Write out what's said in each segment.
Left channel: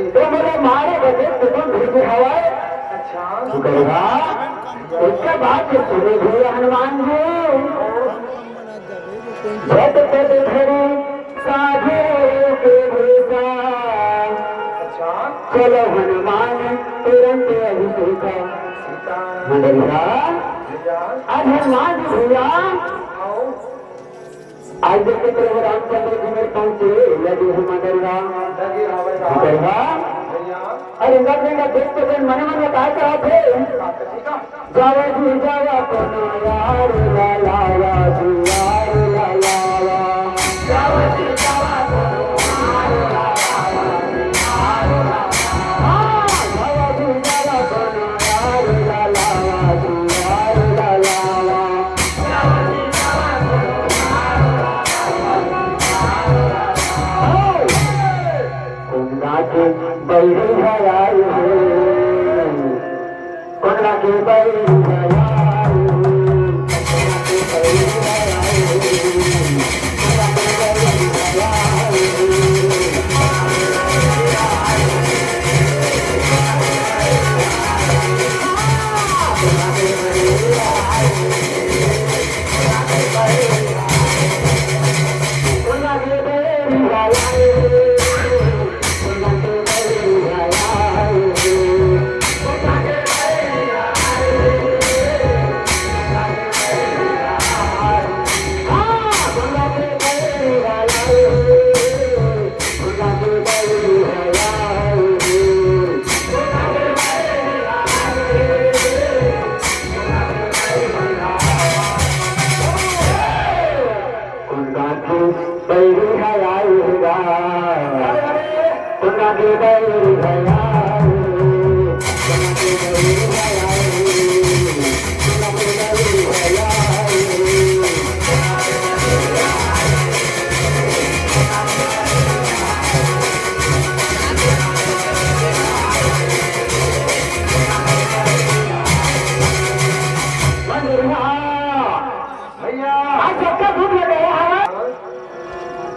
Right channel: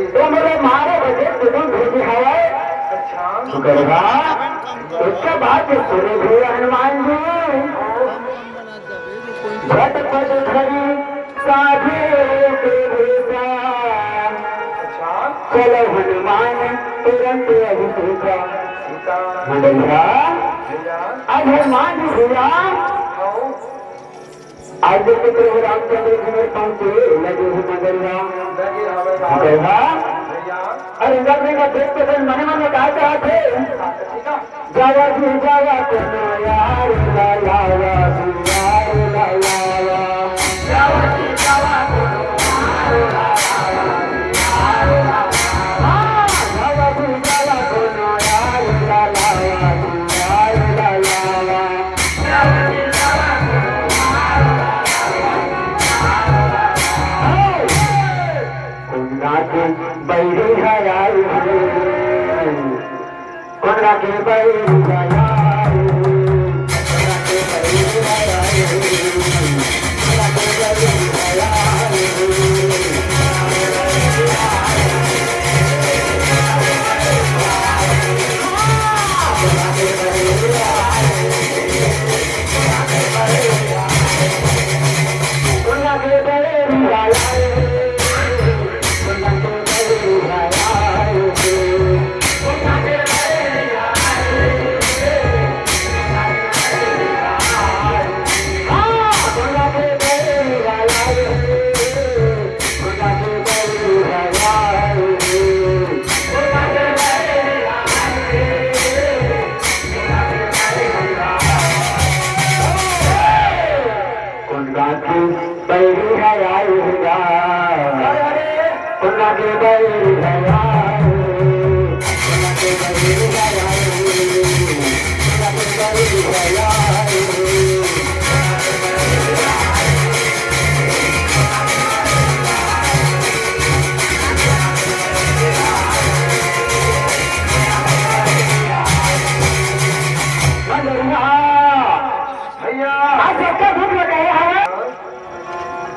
तो मेरे मारे बजे तुम भेजे हवाए करेगा उसके बाद शुरू हुए हनुमान जी झटपट खड़ी साधे के भेजा चलो हनुमान तुरंत अभिषेका मंडलिया आज हनुमान जी भैया आज के प्रभु रामचंद्र जी में पहुंचे लगे हैं मंडलिया अरे इंदर सिंह का देख के फिर मन में कहा चला थे जावा जी जावा यार ला ला ला यार ला ला जावा जी जावा बैरी हराई कोना के बैरी हराई कोना के बैरी हराई कोना के बैरी हराई कोना के बैरी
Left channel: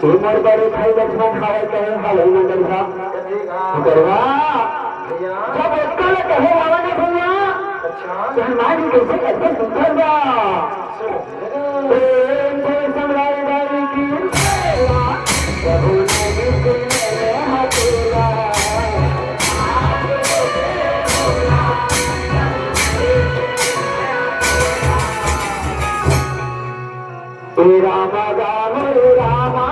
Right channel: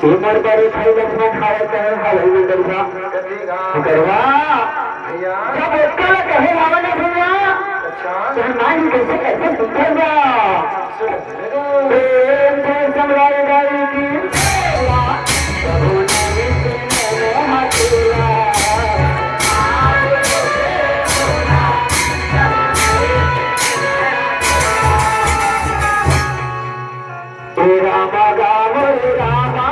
उमर बड़े खाई लक्ष्मण खाए कहे हाल में करवा जब इसका कहे आवा ना भैया तो हमारी कैसे कैसे सुखेगा प्रेम से सम्राट गाड़ी की प्रभु ने हथिया रामा गाव रामा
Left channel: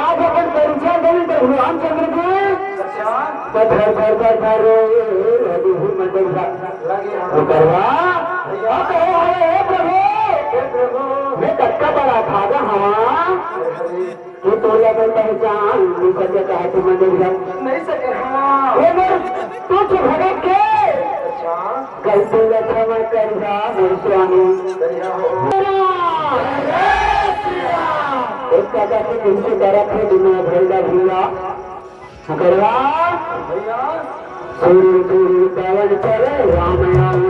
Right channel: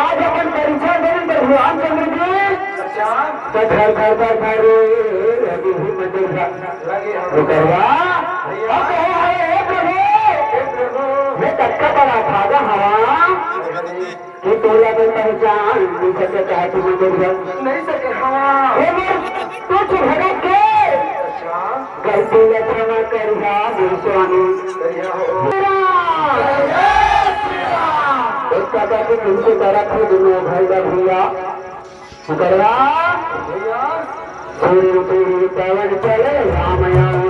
आज अपन परिचय देने प्रभु रामचंद्र जी घर घर घर घर मैं तत्का बड़ा भागा हाँ कि तोला तो पहचान नहीं सके चाहे तुम मंदिर नहीं सके हाँ कुछ भगत के गलती क्षमा करिया स्वामी इसका कहते तुमसे करत है दुनिया भैया भैया करवा सूर्य पवन चले राम